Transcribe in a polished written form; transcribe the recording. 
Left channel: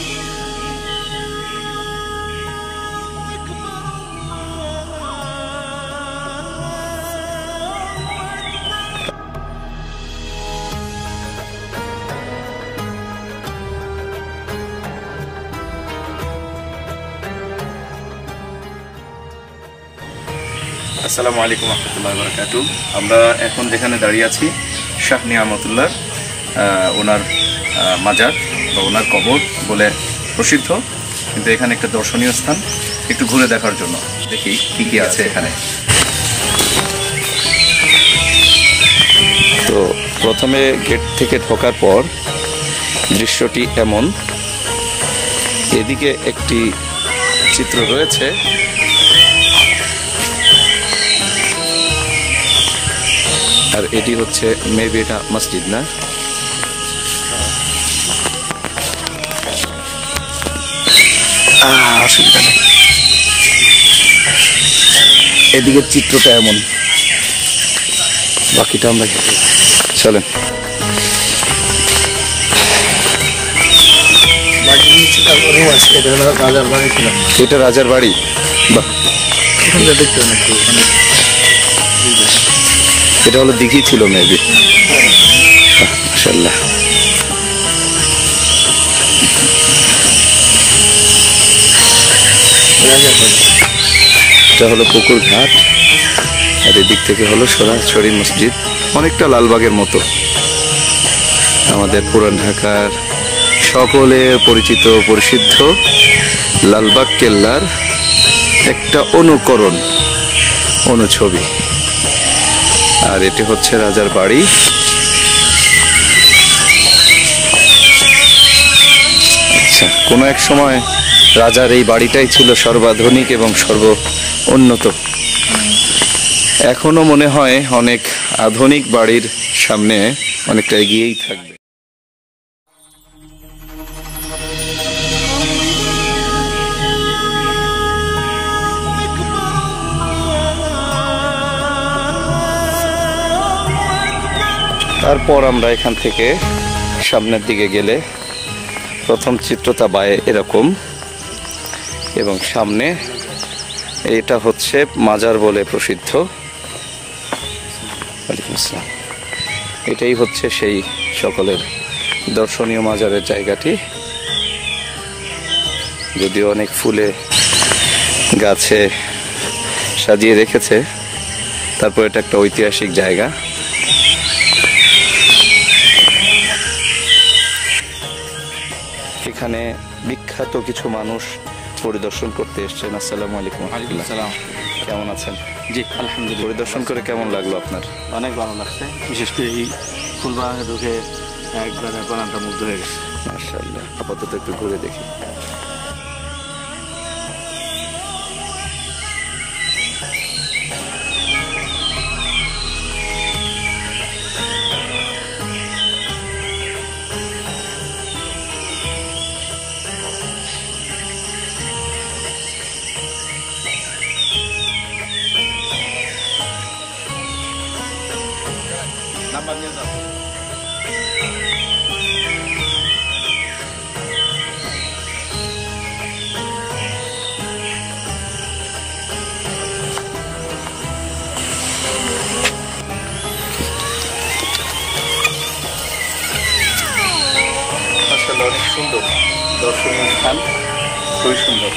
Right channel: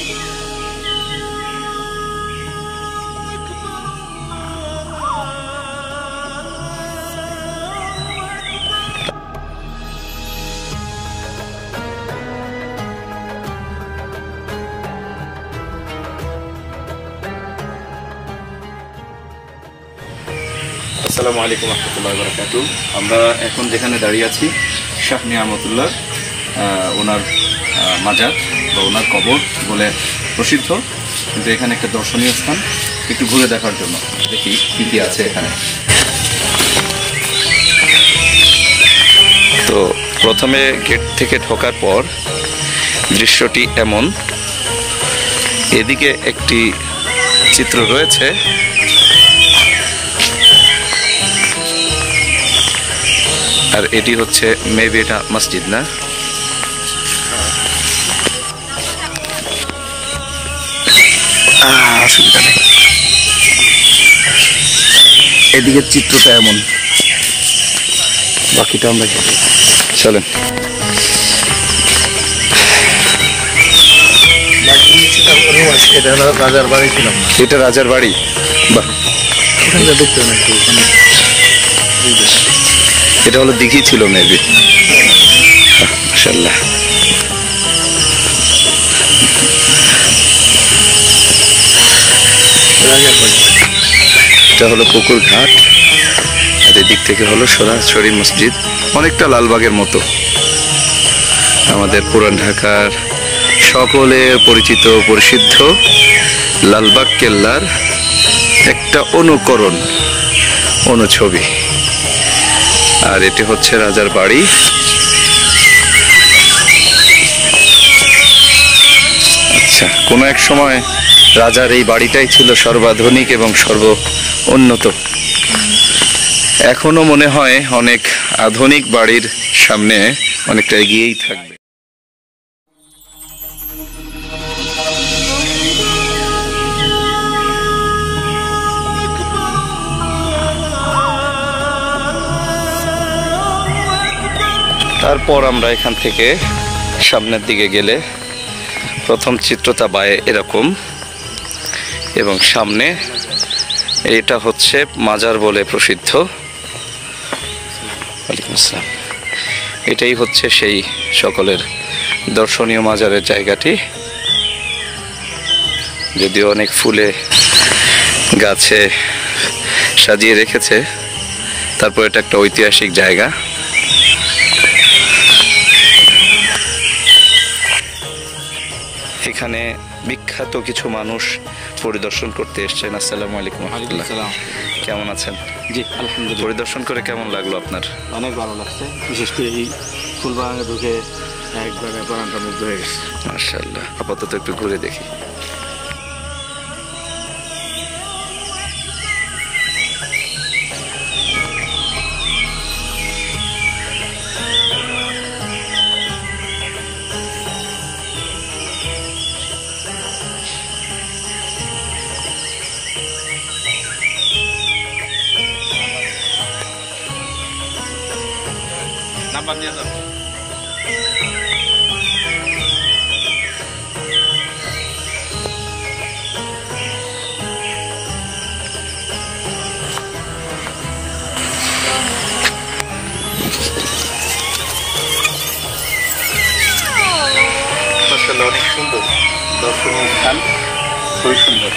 আসসালামু আলাইকুম রহমতুল্লাহি ওয়া বারাকাতুহু। আমরা এখন যেখানে দাঁড়িয়ে আছি শাহ নিয়ামতুল্লাহ ওনার মাজার বা ওনার কবর বলে প্রসিদ্ধ, কিন্তু এখানে একটা দর্শনীয় স্থান, একটু ঘুরে দেখার জন্য দেখি কি কি আছে এখানে। তো প্রথমে গেট থেকে ঢোকার পর দৃশ্যটি এমন, এদিকে একটি চিত্র রয়েছে, আর এটি হচ্ছে মেবি এটা মসজিদ না, অসুবিধা নেই। এদিকের চিত্রটা এমন, বাকিটা আমরা চলেন। এটা রাজার বাড়ি, বাহ, এটা হলো দিঘি ছিল মেবি, মাশাআল্লাহ। এটা হলো পুকুর ঘাট, আর এদিক থেকে হলো সরাসরি মসজিদ, অনেকটা লালবাগের মতো। আমাদের পুরান ঢাকার সকলের পরিচিত পরিসিদ্ধ লালবাগ কেল্লার একটা অনুছবি। আর এটি হচ্ছে রাজার বাড়ি। আচ্ছা, কোনো এক সময় রাজার এই বাড়িটাই ছিল সর্বাধুনিক এবং সর্ব উন্নত। এখনো মনে হয় অনেক আধুনিক বাড়ির সামনে অনেকটা এগিয়েই থাকবে। তারপর আমরা এখান থেকে সামনের দিকে গেলে প্রথম চিত্রটা বায়ে এরকম, এবং সামনে এটা হচ্ছে মাজার বলে প্রসিদ্ধ। ওয়ালাইকুম আসসালাম। এটাই হচ্ছে সেই সকলের দর্শনীয় মাজারের জায়গাটি, যদিও অনেক ফুলে গাছে সাজিয়ে রেখেছে, তারপর এটা একটা ঐতিহাসিক জায়গা। এখানে বিখ্যাত কিছু মানুষ পরিদর্শন করতে এসেছেন। আসসালামু আলাইকুম। কেমন আছেন? জি আলহামদুলিল্লাহ। পরিদর্শন করে কেমন লাগলো আপনার? অনেক ভালো লাগছে, বিশেষ করে এই ফুলবাগানে ঢুকে একবারে প্রাণটা মুগ্ধ হয়ে গেছে। মাশাআল্লাহ। আপাতত একটু ঘুরে দেখি। নাম্বার নিয়ে যাও। আসলে অনেক সুন্দর দর্শনীয় স্থান, খুবই সুন্দর।